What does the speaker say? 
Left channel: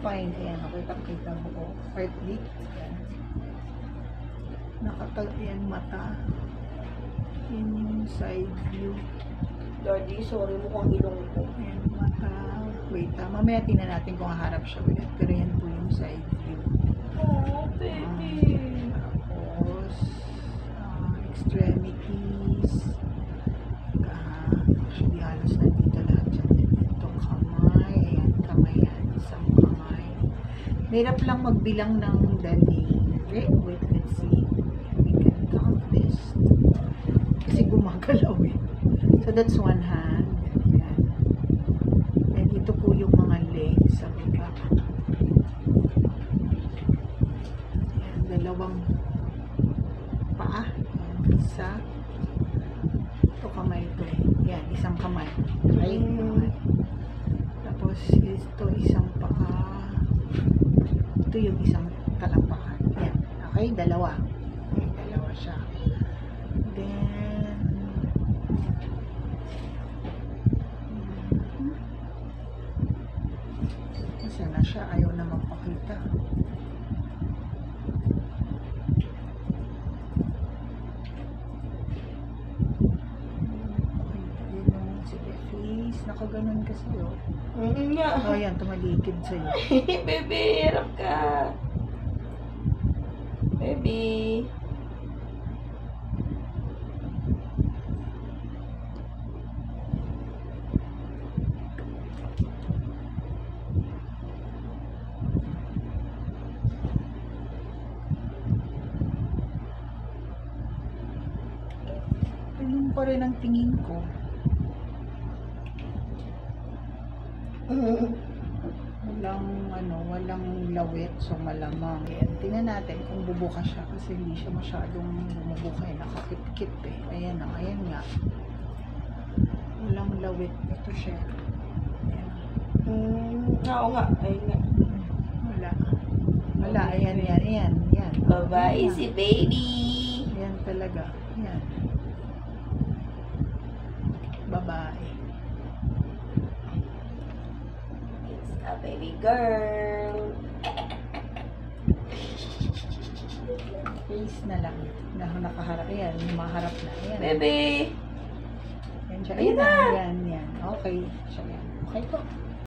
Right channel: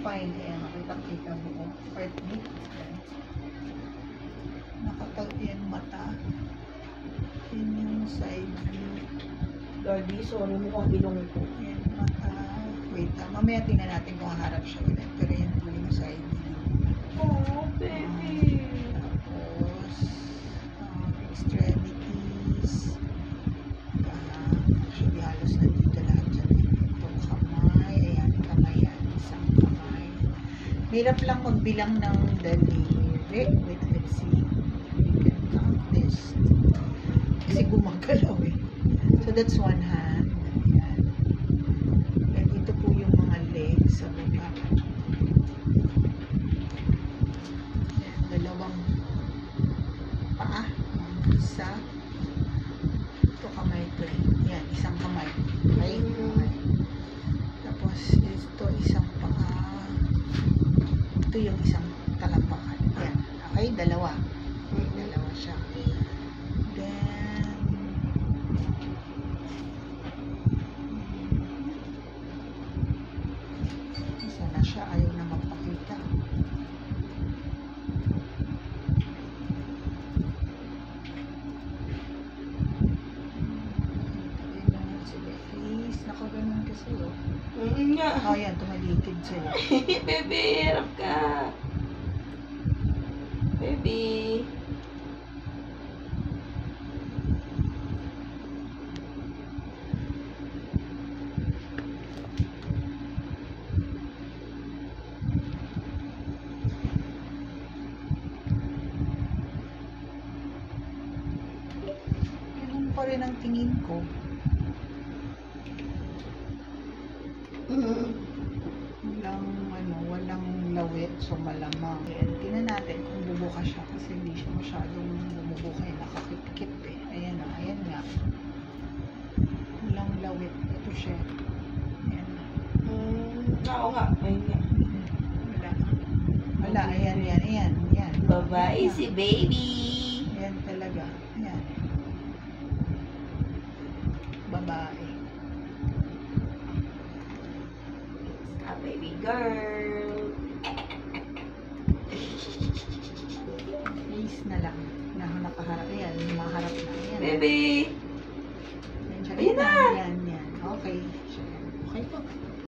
spine. Ayan, makita-kita buo. Heartbeat. Ayan. Nakatayo yan mata. Yan yung side view. Daddy, sorry mo kung ilong ko. Ayan, mata. Wait, mamaya tingnan natin kung haharap siya ulit. Pero yan po yung side view. Oh, baby. Tapos, extremities. Actually, halos nandito lahat dyan. Itong kamay. Ayan, kamay yan. Isang kamay. Hirap lang magbilang ng daliri. Wait, let's see. We can count this. Kasi gumagalaw eh. So, that's one hand. Ayan. And ito po yung mga legs sa baba. Ayan, dalawang paa. Ayan, isa. Ito kamay ito eh. Yan, isang kamay. Okay? Kamay. Tapos, ito isang paa. Ito yung isang talampakan. Yan. Okay? Dalawa. Dalawa siya. Then, isa na siya. Ayaw na magpakita. Nakaganon ka sa'yo. Nga. Oh, yan. Tumalitid sa'yo. Baby, hirap ka. Baby. Ganun pa rin ang tingin ko. Walang lawit, so malamang. Ayan, tingnan natin kung bubuka siya kasi hindi siya masyadong bumubuka eh, nakakip-kip eh. Ayan na, ayan nga. Walang lawit, ito siya. Ayan. Oo nga, ayun nga. Wala. Wala, ayan. Babae si baby. Ayan talaga, ayan. Babae. A baby girl. Face na lang. Nakaharap. Ayan, maharap na. Ayan. Baby. Ayan siya. Ayan na. Ayan. Okay. Siya yan. Okay po.